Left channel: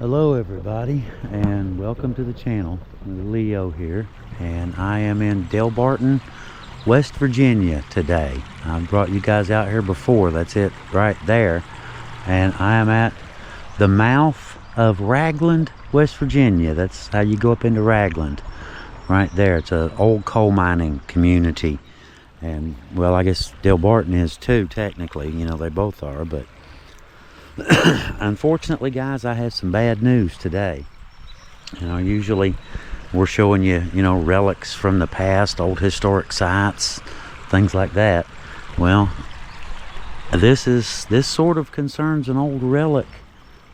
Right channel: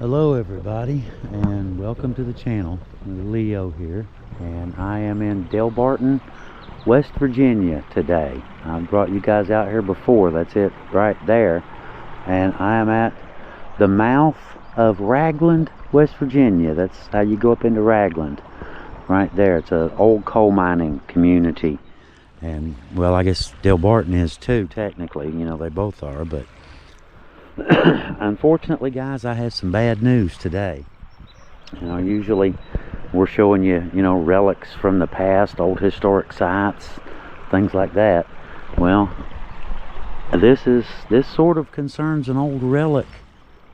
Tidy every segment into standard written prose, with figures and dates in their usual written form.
Hello everybody, and welcome to the channel. Leo here, and I am in Delbarton, West Virginia today. I've brought you guys out here before, that's it right there. And I am at the mouth of Ragland, West Virginia. That's how you go up into Ragland, right there. It's an old coal mining community. And well, I guess Delbarton is too, technically, you know, they both are, but unfortunately, guys, I have some bad news today. You know, usually we're showing you, relics from the past, old historic sites, things like that. Well, this sort of concerns an old relic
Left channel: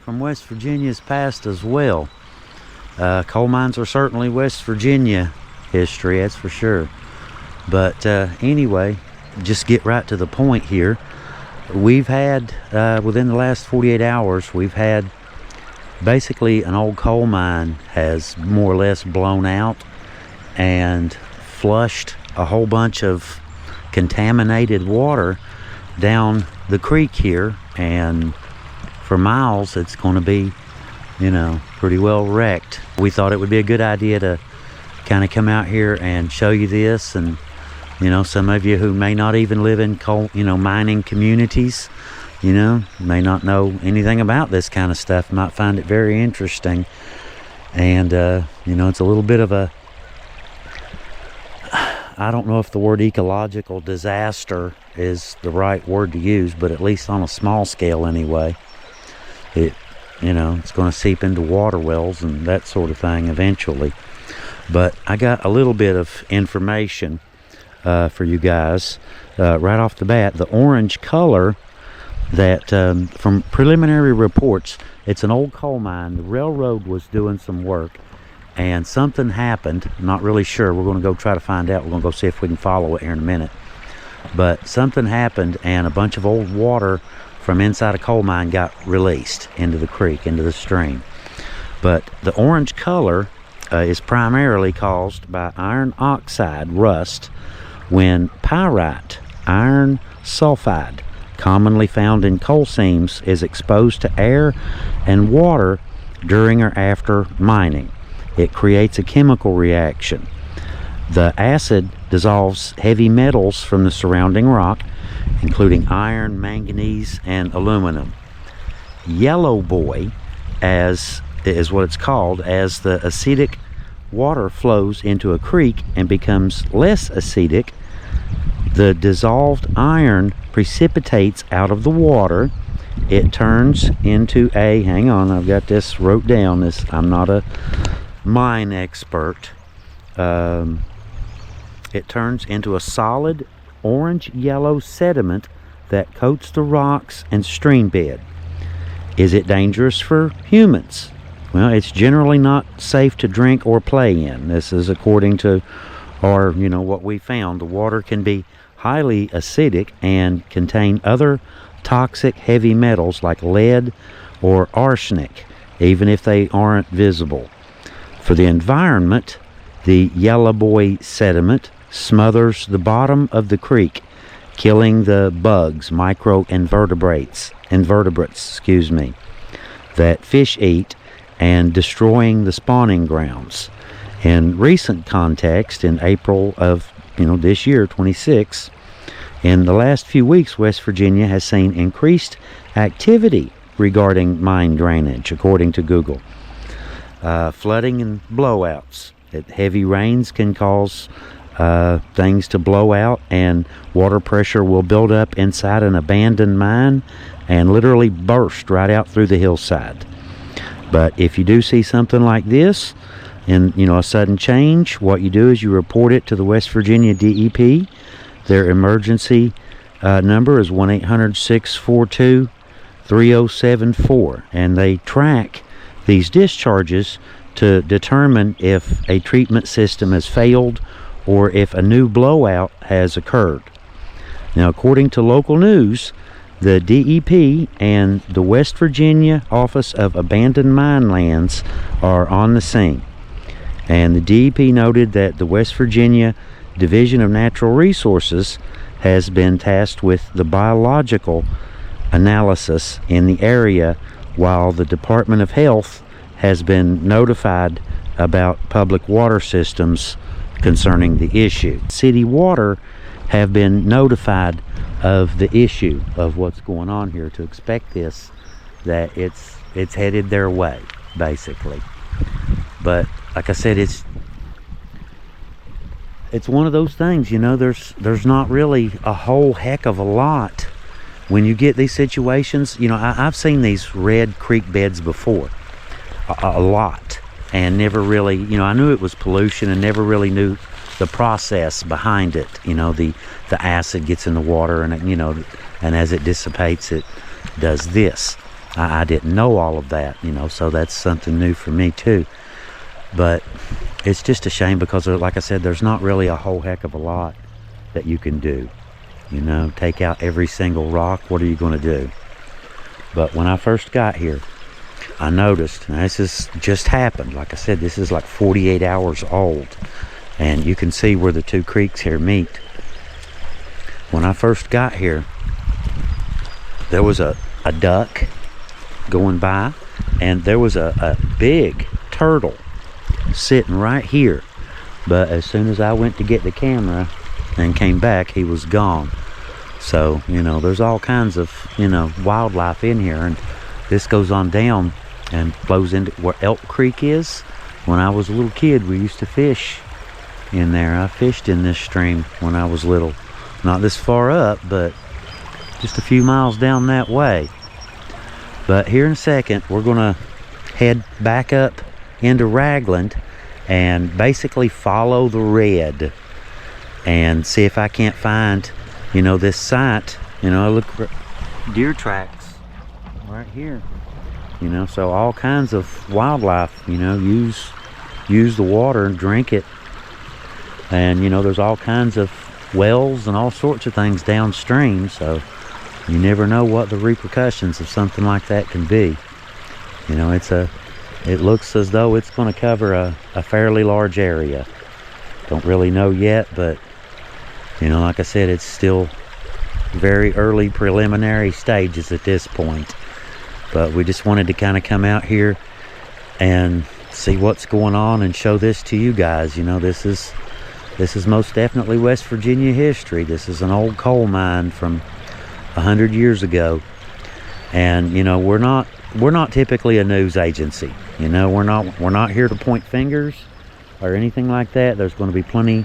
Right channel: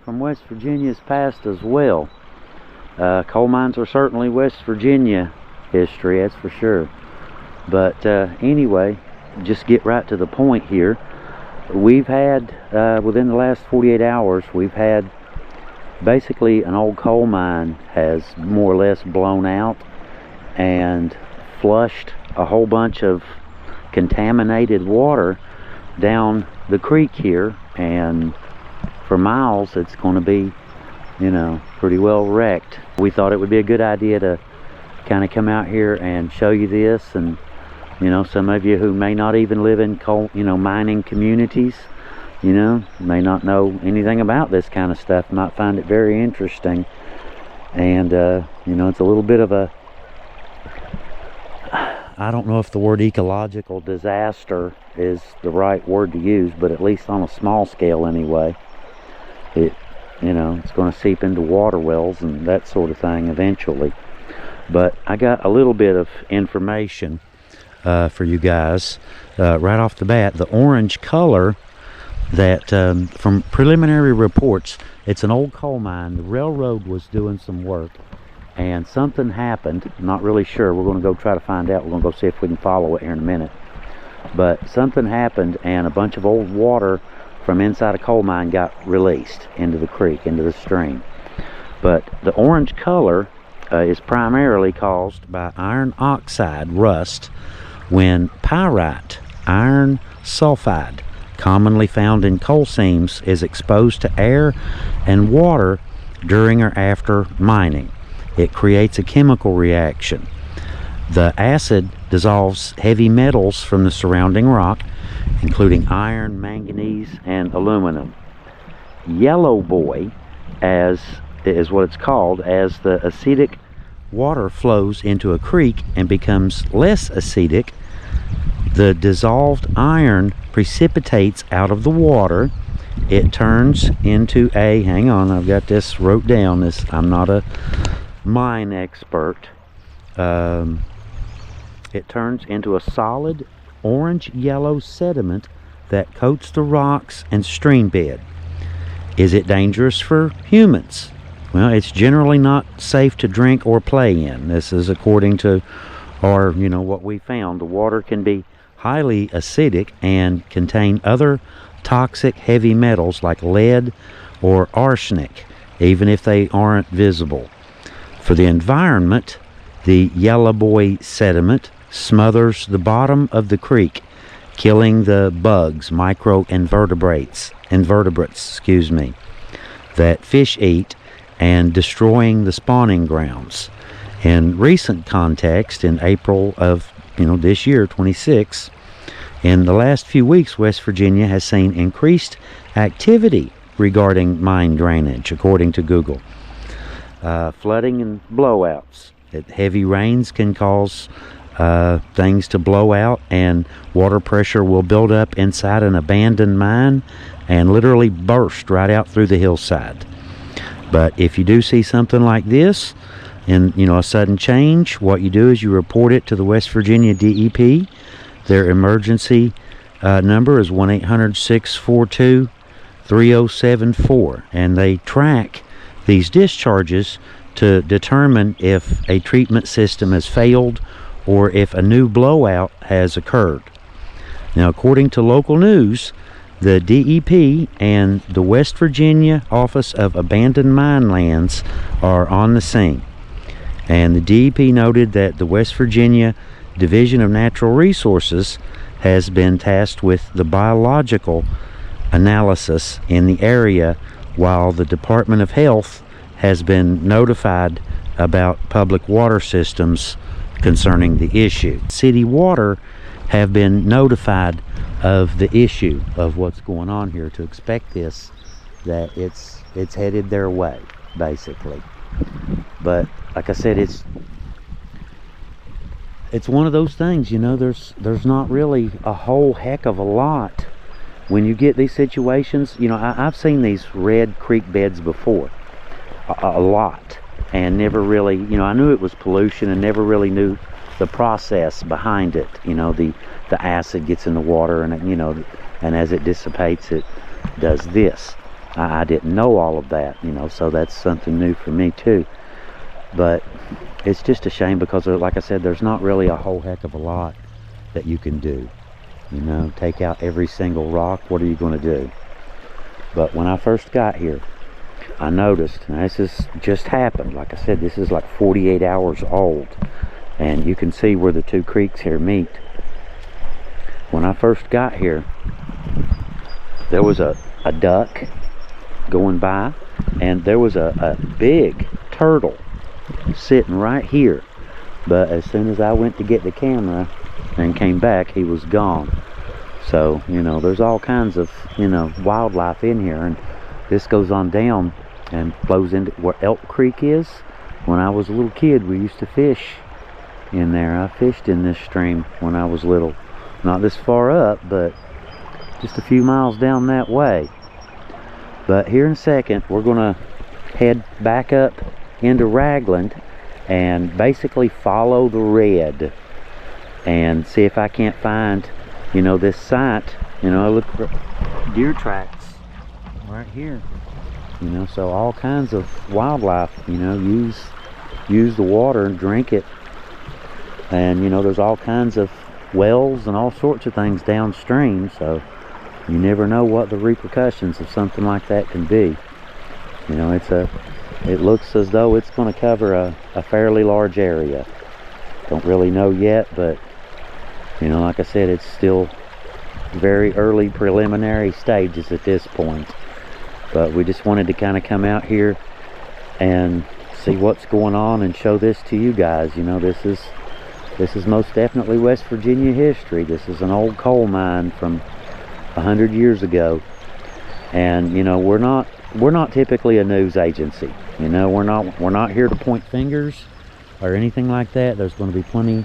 from West Virginia's past as well. Coal mines are certainly West Virginia history, that's for sure. But anyway, just get right to the point here. We've had, within the last 48 hours, we've had basically an old coal mine has more or less blown out and flushed a whole bunch of contaminated water down the creek here, and for miles it's going to be, pretty well wrecked. We thought it would be a good idea to kind of come out here and show you this, and some of you who may not even live in coal, mining communities, may not know anything about this kind of stuff, might find it very interesting. And, it's a little bit of a, I don't know if the word ecological disaster is the right word to use, but at least on a small scale anyway. It's going to seep into water wells and that sort of thing eventually. But I got a little bit of information for you guys right off the bat. The orange color that from preliminary reports, it's an old coal mine. The railroad was doing some work and something happened. I'm not really sure. We're going to go try to find out. We're going to go see if we can follow it here in a minute. But something happened and a bunch of old water from inside a coal mine got released into the creek, into the stream. But the orange color is primarily caused by iron oxide rust when pyrite, iron sulfide, commonly found in coal seams, is exposed to air and water during or after mining. It creates a chemical reaction. The acid dissolves heavy metals from the surrounding rock, including iron, manganese, and aluminum. Yellow boy, as is what it's called, as the acidic water flows into a creek and becomes less acidic, the dissolved iron precipitates out of the water. It turns into a, hang on, I've got this wrote down, I'm not a mine expert. It turns into a solid orange-yellow sediment that coats the rocks and stream bed. Is it dangerous for humans? Well, it's generally not safe to drink or play in. This is according to our, what we found. The water can be highly acidic and contain other toxic heavy metals like lead or arsenic, even if they aren't visible. For the environment, the yellow boy sediment smothers the bottom of the creek, killing the bugs, invertebrates, that fish eat, and destroying the spawning grounds. In recent context, in April of this year, 26, in the last few weeks, West Virginia has seen increased activity regarding mine drainage, according to Google. Flooding and blowouts. Heavy rains can cause things to blow out, and water pressure will build up inside an abandoned mine and literally burst right out through the hillside. But if you do see something like this, and a sudden change, what you do is you report it to the West Virginia DEP. Their emergency number is 1-800-642-3074, and they track these discharges to determine if a treatment system has failed or if a new blowout has occurred. Now, according to local news, the DEP and the West Virginia Office of Abandoned Mine Lands are on the scene. And the DEP noted that the West Virginia Division of Natural Resources has been tasked with the biological analysis in the area, while the Department of Health has been notified about public water systems concerning the issue. City water have been notified of the issue of what's going on here, to expect this, that it's headed their way, basically. But like I said, it's one of those things, you know, there's not really a whole heck of a lot when you get these situations. You know, I've seen these red creek beds before, a lot, and never really, you know, I knew it was pollution and never really knew the process behind it. You know, the acid gets in the water, and, you know, and as it dissipates, it does this. I didn't know all of that, you know, so that's something new for me too. But it's just a shame because, like I said, there's not really a whole heck of a lot that you can do. You know, take out every single rock, what are you going to do? But when I first got here, I noticed, and this has just happened, like I said, this is like 48 hours old, and you can see where the two creeks here meet. When I first got here, there was a duck going by, and there was a big turtle sitting right here. But as soon as I went to get the camera and came back, he was gone. So, you know, there's all kinds of, you know, wildlife in here, and this goes on down and flows into where Elk Creek is. When I was a little kid, we used to fish in there. I fished in this stream when I was little. Not this far up, but just a few miles down that way. But here in a second, we're gonna head back up into Ragland and basically follow the red and see if I can't find, you know, this site. You know, look for deer tracks right here. You know, so all kinds of wildlife, you know, use the water and drink it. And, you know, there's all kinds of wells and all sorts of things downstream, so you never know what the repercussions of something like that can be. You know, it looks as though it's going to cover a fairly large area. Don't really know yet, but, you know, like I said, it's still very early preliminary stages at this point. But we just wanted to kind of come out here and see what's going on and show this to you guys. You know, this is most definitely West Virginia history. This is an old coal mine from 100 years ago. And, you know, we're not typically a news agency. You know, we're not here to point fingers or anything like that. There's going to be plenty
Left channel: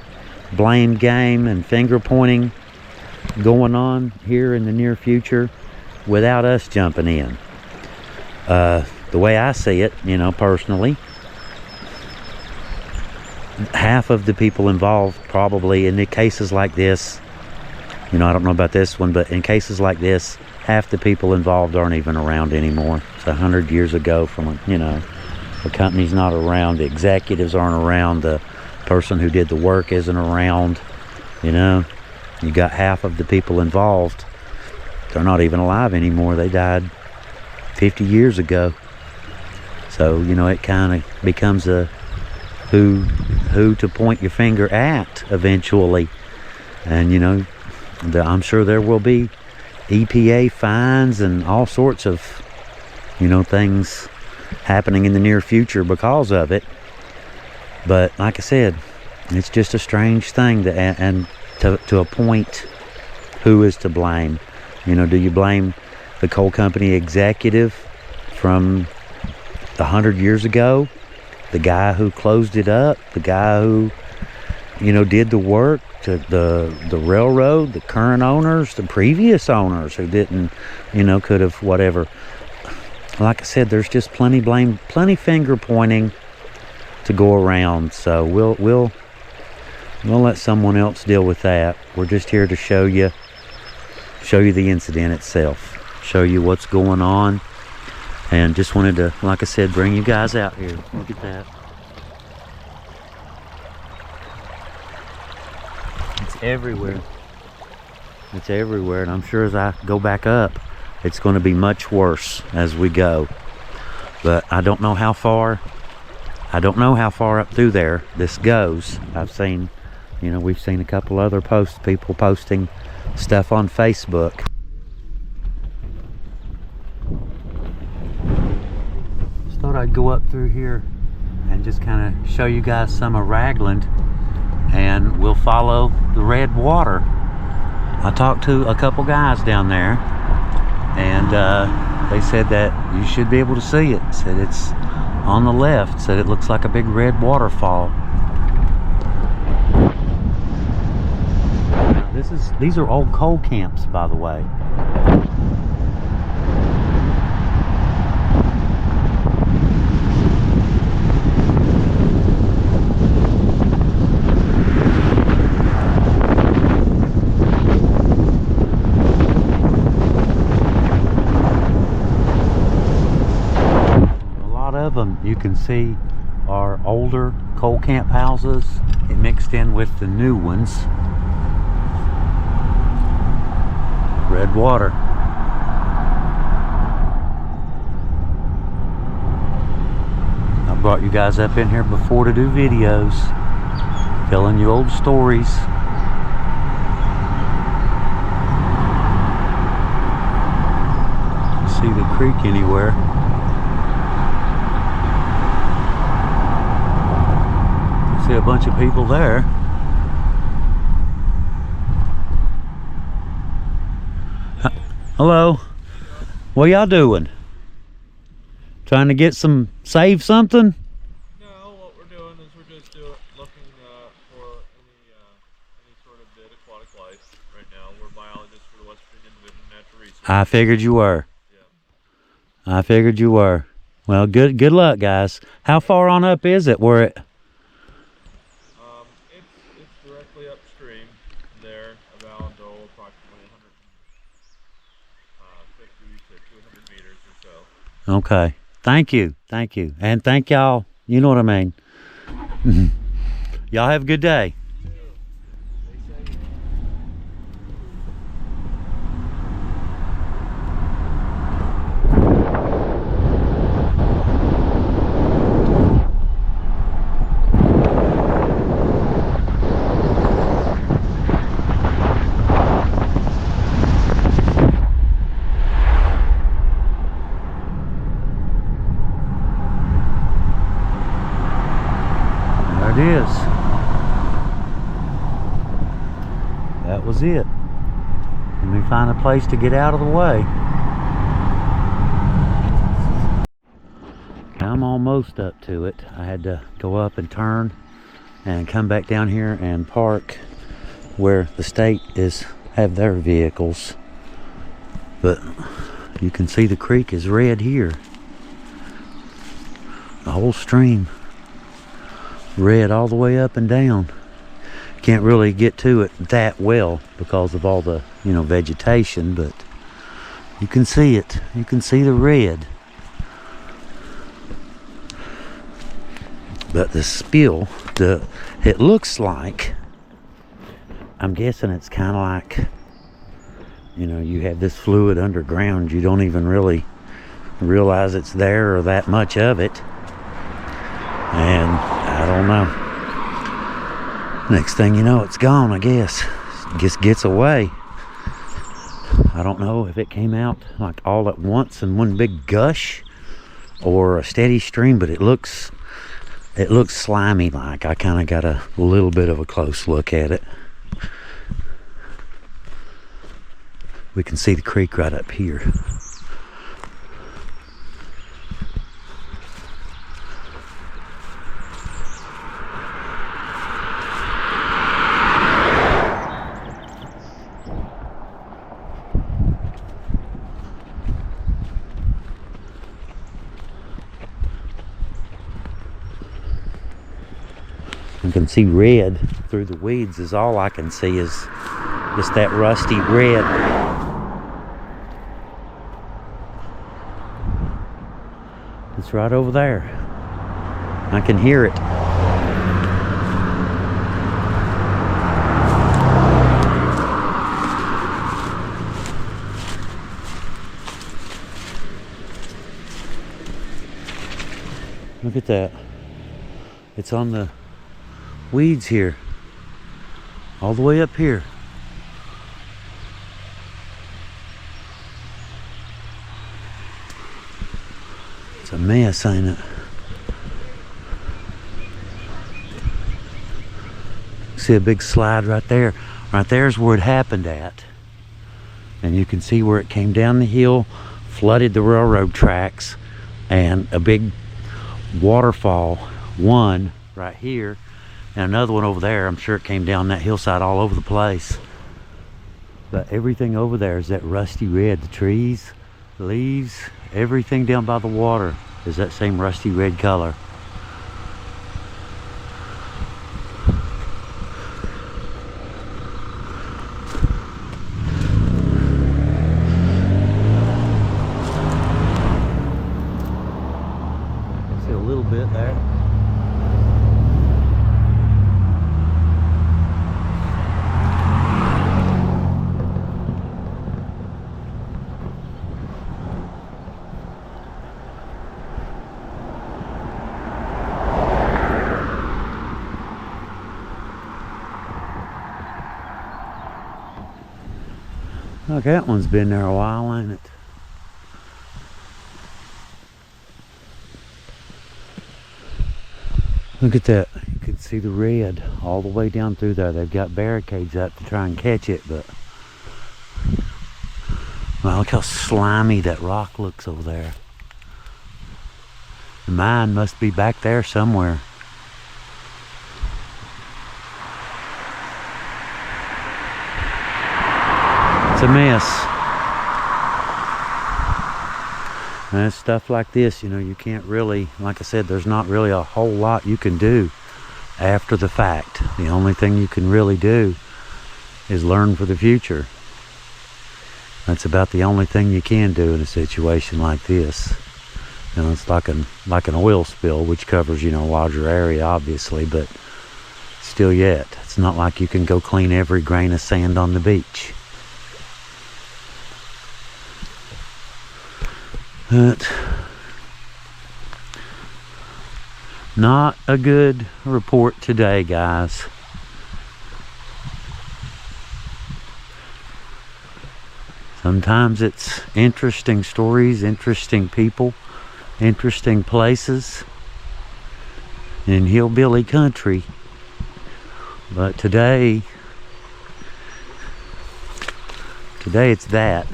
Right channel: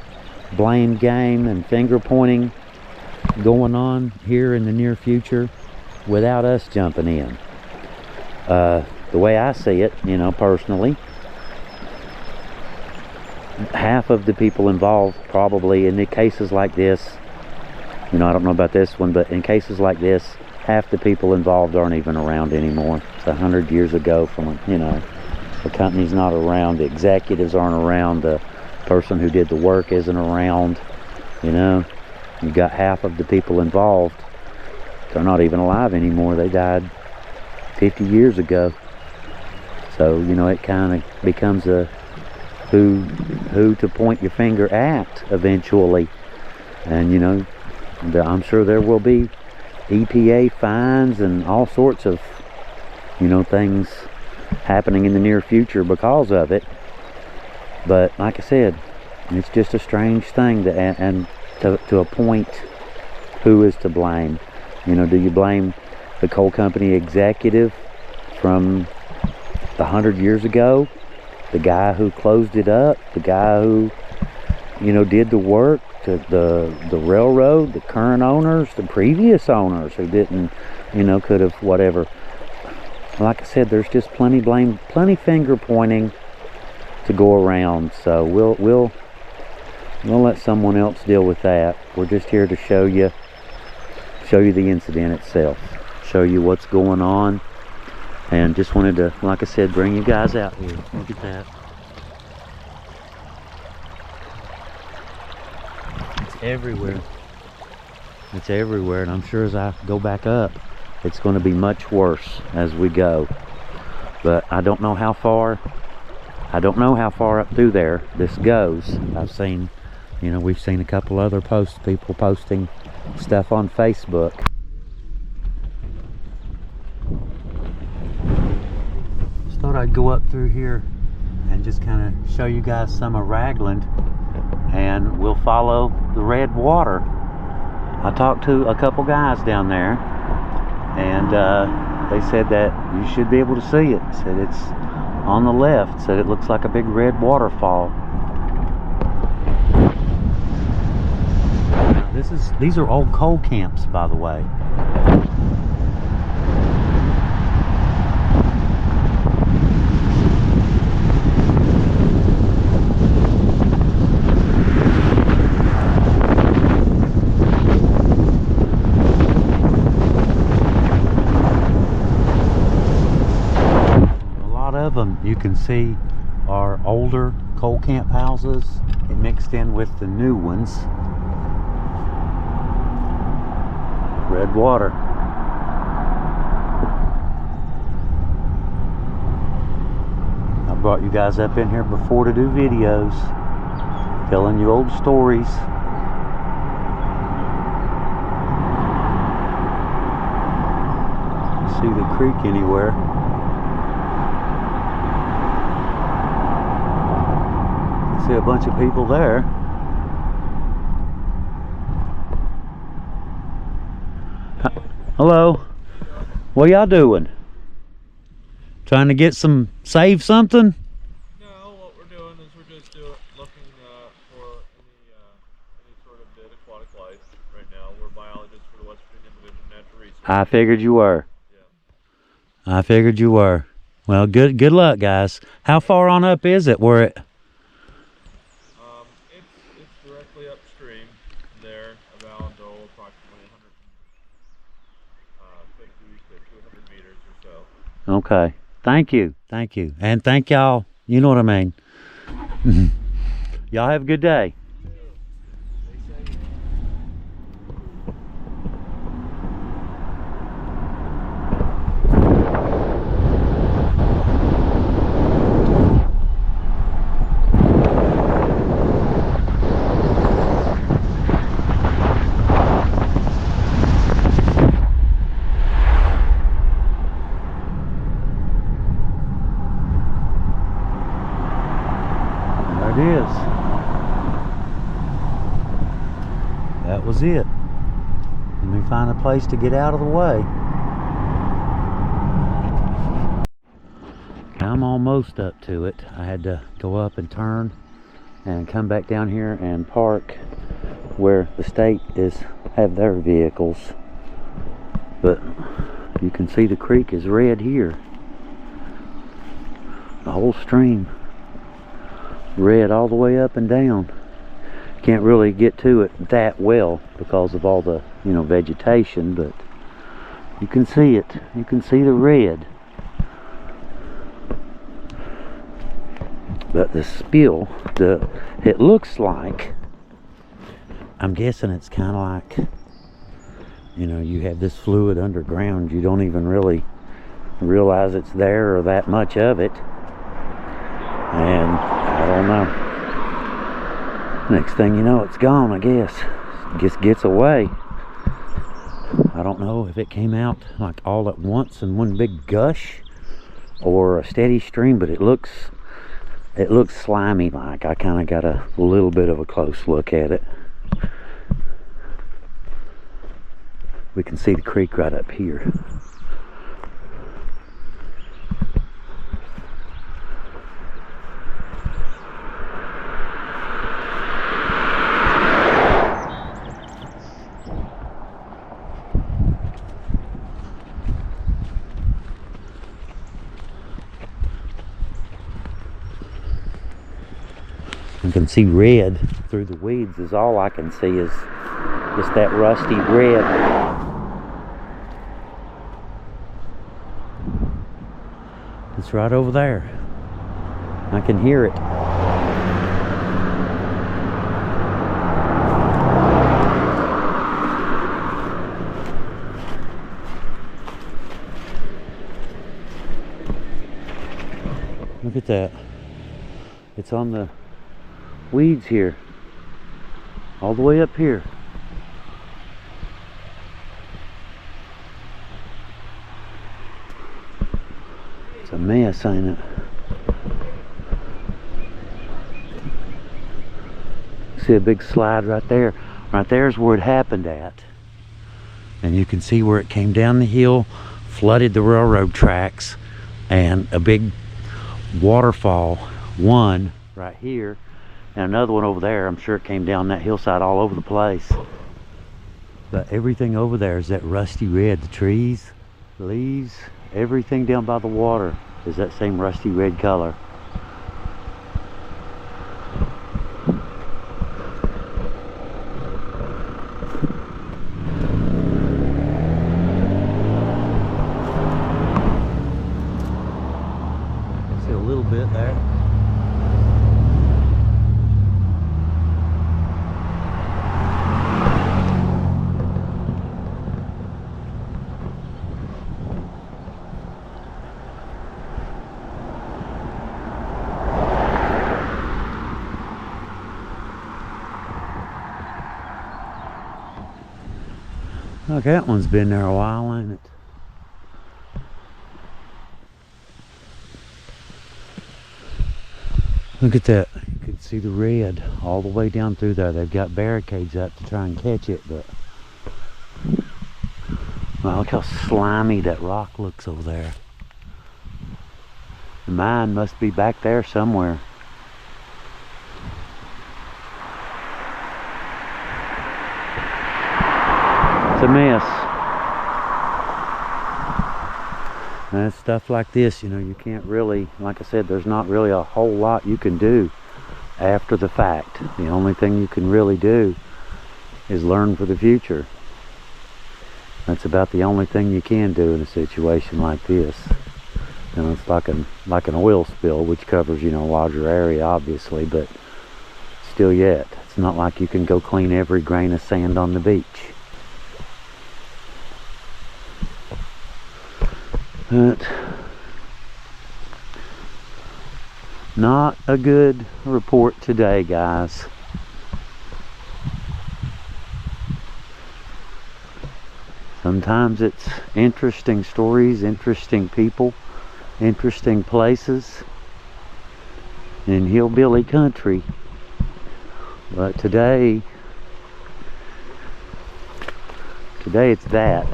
blame game and finger pointing going on here in the near future without us jumping in. The way I see it, you know, personally, half of the people involved probably in the cases like this, you know, I don't know about this one, but in cases like this, half the people involved aren't even around anymore. It's 100 years ago from, you know, the company's not around, the executives aren't around, the person who did the work isn't around, you know. You got half of the people involved, they're not even alive anymore. They died 50 years ago. So, you know, it kind of becomes a who to point your finger at eventually. And, you know, I'm sure there will be EPA fines and all sorts of, you know, things happening in the near future because of it. But like I said, it's just a strange thing to a point, who is to blame? You know, do you blame the coal company executive from 100 years ago, the guy who closed it up, the guy who, you know, did the work, to the railroad, the current owners, the previous owners who didn't, you know, could have whatever? Like I said, there's just plenty blame, plenty finger pointing to go around. So we'll let someone else deal with that. We're just here to show you the incident itself, show you what's going on, and just wanted to, like I said, bring you guys out here. Look at that. It's everywhere. It's everywhere, and I'm sure as I go back up, it's going to be much worse as we go. But I don't know how far up through there this goes. I've seen, you know, we've seen a couple other people posting stuff on Facebook. thought I'd go up through here and just kind of show you guys some of Ragland, and we'll follow the red water. I talked to a couple guys down there, and they said that you should be able to see it. Said it's on the left. Said it looks like a big red waterfall. Now, these are old coal camps, by the way. Of them you can see are older coal camp houses mixed in with the new ones. Red water. I brought you guys up in here before to do videos telling you old stories. See the creek anywhere? See a bunch of people there. Hello. What y'all doing? Trying to get save something? No, what we're doing is we're just looking for any sort of dead aquatic life right now. We're biologists for the West Virginia Division of Natural Resources. I figured you were. Yeah. I figured you were. Well, good luck, guys. How far on up is it? It's directly upstream there, about approximately 150 to 200 meters or so. Okay. Thank you. And thank y'all. You know what I mean. Y'all have a good day. It is. That was it. Let me find a place to get out of the way. I'm almost up to it. I had to go up and turn and come back down here and park where the state have their vehicles. But you can see the creek is red here. The whole stream. Red all the way up and down. Can't really get to it that well because of all the vegetation, but you can see it. You can see the red. But the spill, it looks like, I'm guessing it's kind of like, you have this fluid underground. You don't even really realize it's there or that much of it. And I don't know. Next thing you know, it's gone, I guess. Just gets away. I don't know if it came out like all at once in one big gush or a steady stream, but it looks slimy like. I kind of got a little bit of a close look at it. We can see the creek right up here. You can see red through the weeds is all I can see is just that rusty red. It's right over there. I can hear it. Look at that. It's on the weeds here, all the way up here. It's It's a mess, ain't it? See a big slide right there. Right there's where it happened at. And you can see where it came down the hill, flooded the railroad tracks, and a big waterfall, one right here and another one over there. I'm sure it came down that hillside all over the place. But everything over there is that rusty red. The trees, the leaves, everything down by the water is that same rusty red color. See a little bit there. Look, that one's been there a while, ain't it? Look at that. You can see the red all the way down through there. They've got barricades up to try and catch it, but well, look how slimy that rock looks over there. The mine must be back there somewhere. It's a mess. And stuff like this, you know, you can't really, like I said, there's not really a whole lot you can do after the fact. The only thing you can really do is learn for the future. That's about the only thing you can do in a situation like this. You know, it's like an oil spill, which covers, you know, a larger area, obviously, but still yet, it's not like you can go clean every grain of sand on the beach. But not a good report today, guys. Sometimes it's interesting stories, interesting people, interesting places in hillbilly country. But today it's that.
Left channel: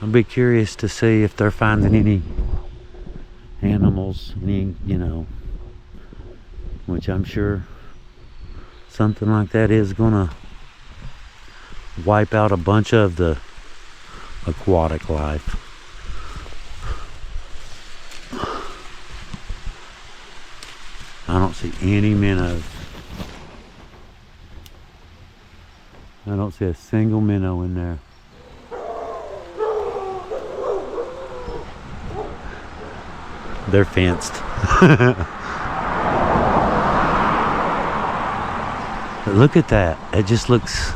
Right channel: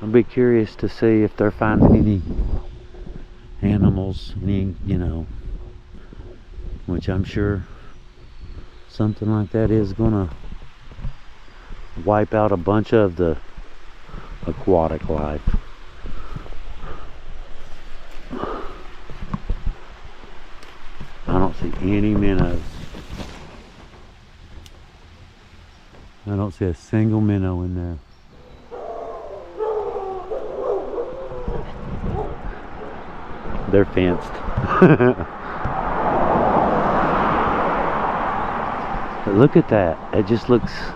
I'll be curious to see if they're finding any animals, any, you know, which I'm sure something like that is gonna wipe out a bunch of the aquatic life. I don't see any minnows. I don't see a single minnow in there. They're fenced. But look at that. It just looks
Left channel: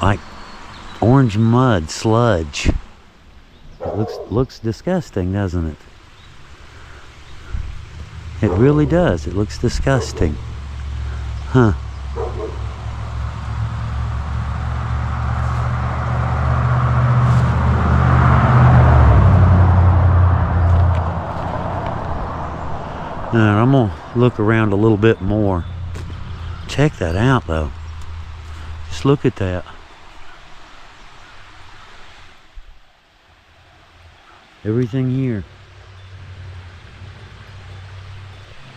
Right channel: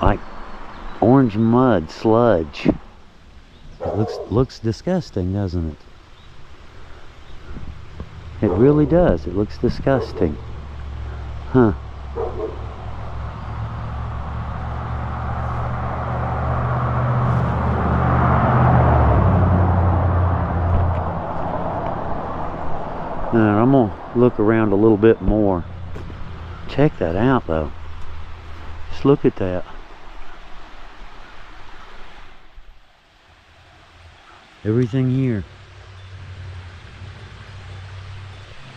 like orange mud, sludge. It looks disgusting, doesn't it? It really does. It looks disgusting. Huh. Now, I'm gonna look around a little bit more. Check that out though. Just look at that. Everything here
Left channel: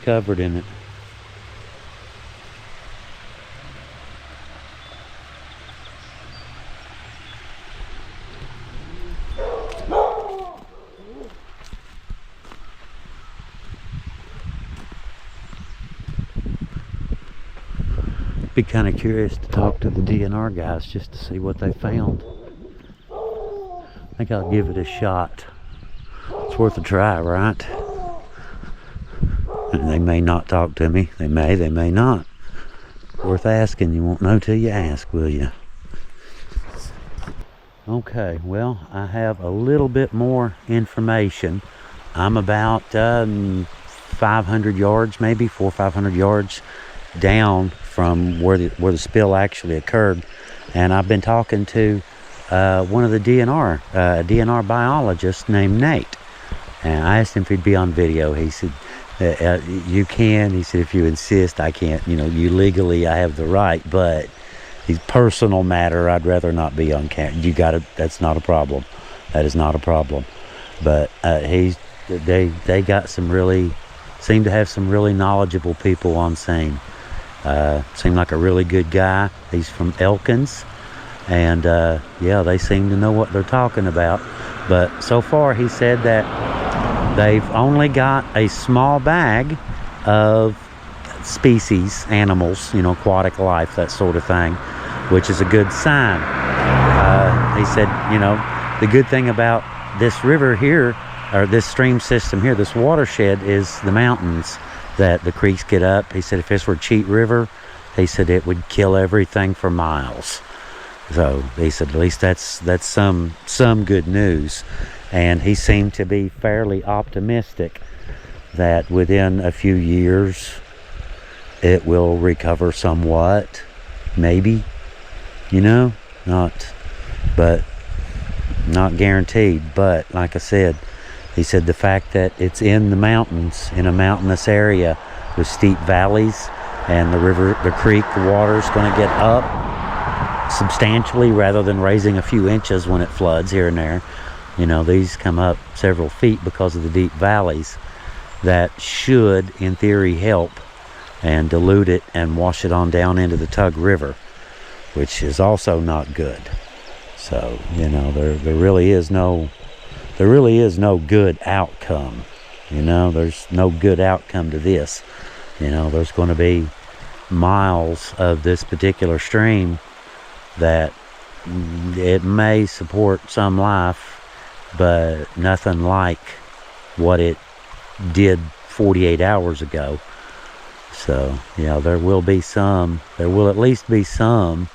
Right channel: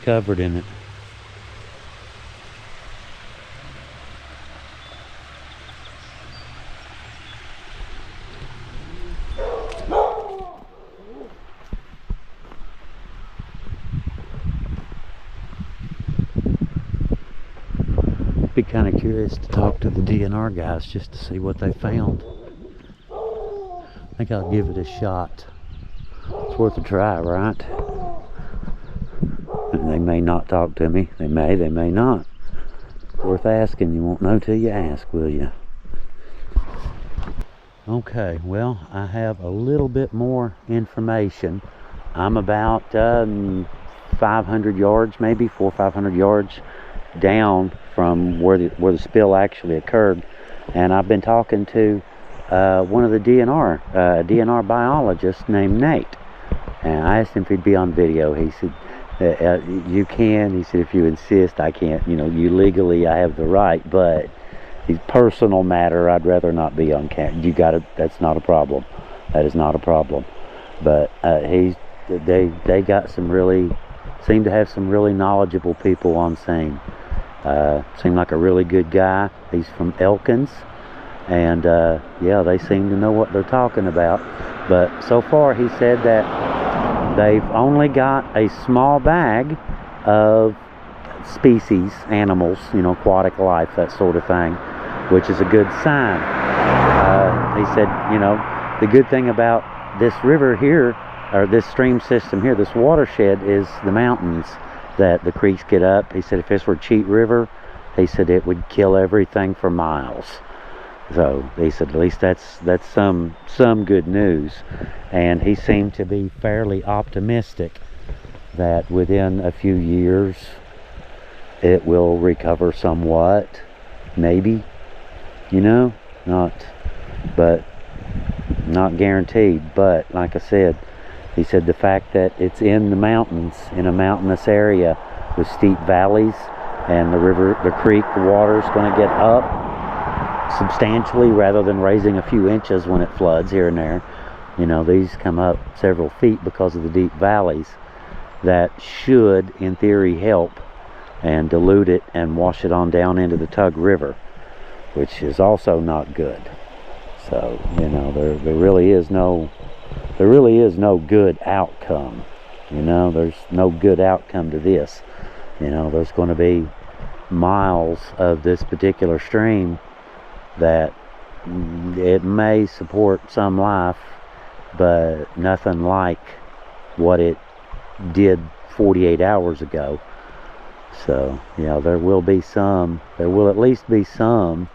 covered in it. Be kind of curious to talk to the DNR guys just to see what they found. I think I'll give it a shot. It's worth a try, right? And they may not talk to me. They may not. Worth asking. You won't know till you ask, will you? Okay, well, I have a little bit more information. I'm about 500 yards, maybe 400 or 500 yards down from where the spill actually occurred, and I've been talking to one of the DNR biologist named Nate, and I asked him if he'd be on video. He said, "You can." He said, "If you insist, I can't. You know, you legally, I have the right, but the personal matter, I'd rather not be on camera. You got it. That's not a problem. That is not a problem." But they got some really, seem to have some really knowledgeable people on scene. Seemed like a really good guy. He's from Elkins, and yeah, they seem to know what they're talking about. But so far, he said that they've only got a small bag of species, animals, you know, aquatic life, that sort of thing, which is a good sign. He said, you know, the good thing about this river here, or this stream system here, this watershed, is the mountains that the creeks get up. He said if this were Cheat River, he said it would kill everything for miles. So he said at least that's some good news. And he seemed to be fairly optimistic that within a few years it will recover somewhat, maybe, you know, not guaranteed. But like I said, he said the fact that it's in the mountains, in a mountainous area with steep valleys, and the creek, the water's going to get up substantially rather than raising a few inches when it floods here and there. You know, these come up several feet because of the deep valleys. That should, in theory, help and dilute it and wash it on down into the Tug River, which is also not good. So, you know, there really is no good outcome. You know, there's no good outcome to this. You know, there's going to be miles of this particular stream that it may support some life, but nothing like what it did 48 hours ago. So, yeah, there will at least be some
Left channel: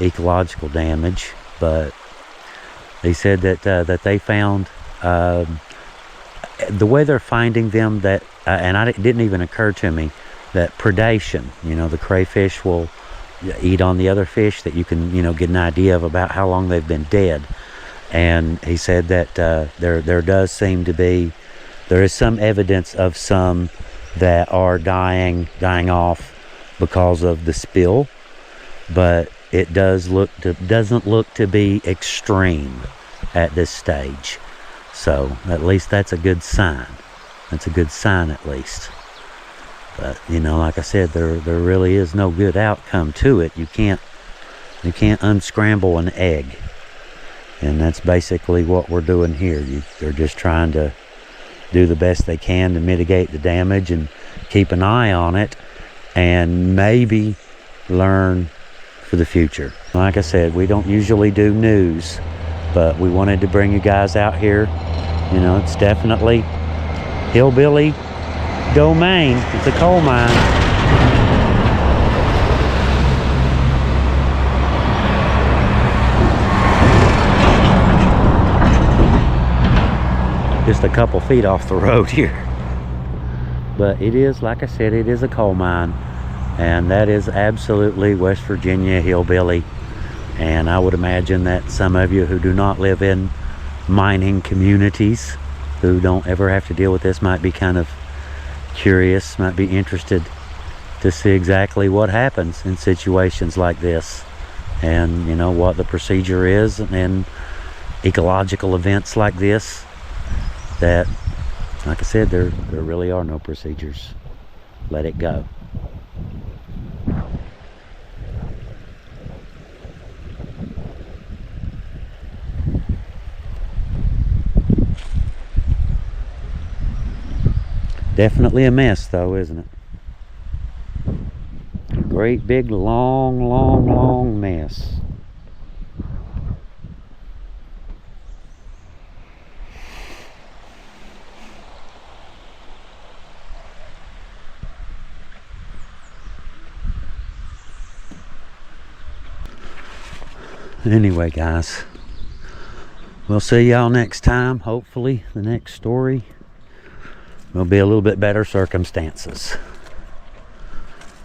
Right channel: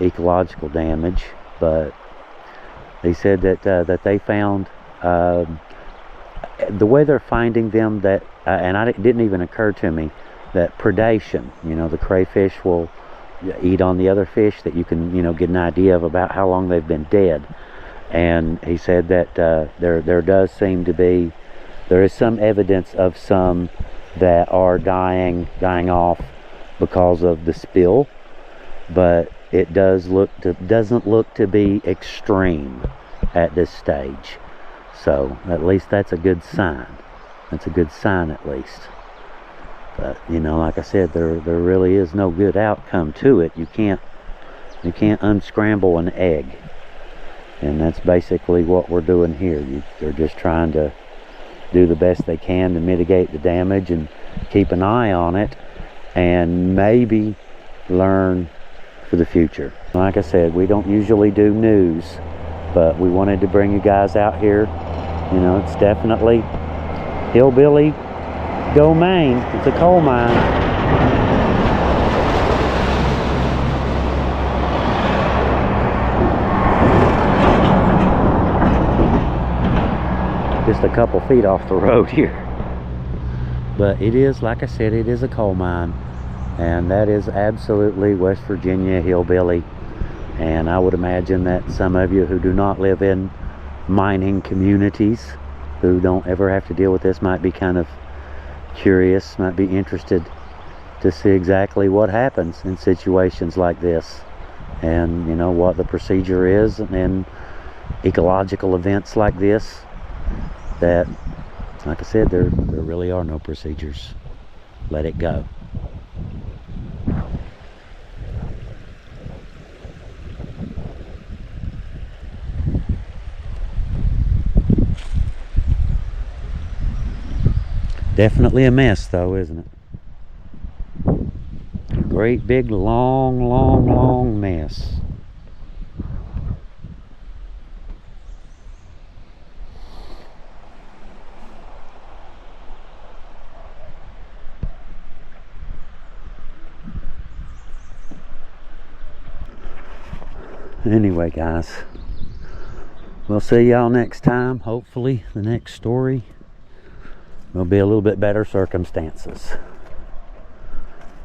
ecological damage. But they said that they found, the way they're finding them, that and it didn't even occur to me, that predation, you know, the crayfish will eat on the other fish, that you can, you know, get an idea of about how long they've been dead. And he said that there is some evidence of some that are dying off because of the spill, but it doesn't look to be extreme at this stage. So at least that's a good sign. That's a good sign, at least. But, you know, like I said, there really is no good outcome to it. You can't unscramble an egg, and that's basically what we're doing here. They're just trying to do the best they can to mitigate the damage and keep an eye on it, and maybe learn for the future. Like I said, we don't usually do news, but we wanted to bring you guys out here. You know, it's definitely hillbilly domain. It's a coal mine. Just a couple feet off the road here. But it is, like I said, it is a coal mine, and that is absolutely West Virginia hillbilly. And I would imagine that some of you who do not live in mining communities, who don't ever have to deal with this, might be kind of curious, might be interested to see exactly what happens in situations like this, and, you know, what the procedure is in ecological events like this. That, like I said, there really are no procedures. Let it go. Definitely a mess, though, isn't it? Great big long mess. Anyway, guys, We'll see y'all next time. Hopefully the next story will be a little bit better circumstances.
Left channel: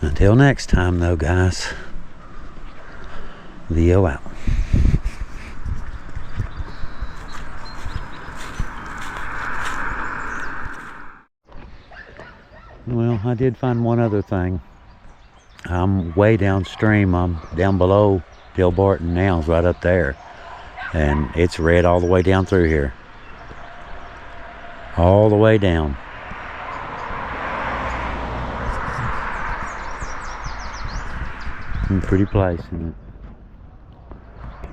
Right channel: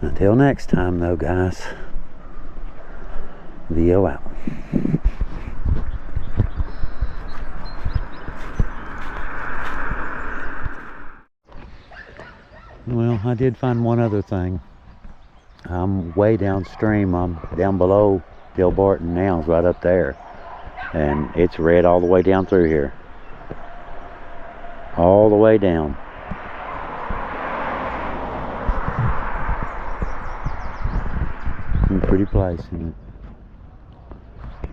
Until next time though, guys, Leo out. Well, I did find one other thing. I'm way downstream. I'm down below Bill Barton now, it's right up there. And it's red all the way down through here. All the way down. A pretty place, isn't it?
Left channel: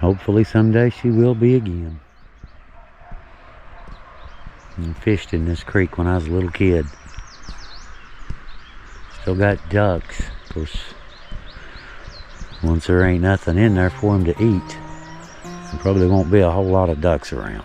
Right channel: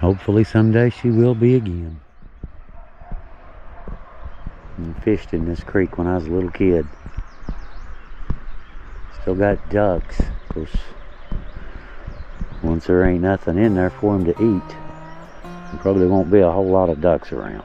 Hopefully someday she will be again. I fished in this creek when I was a little kid. Still got ducks. Of course, once there ain't nothing in there for them to eat, there probably won't be a whole lot of ducks around.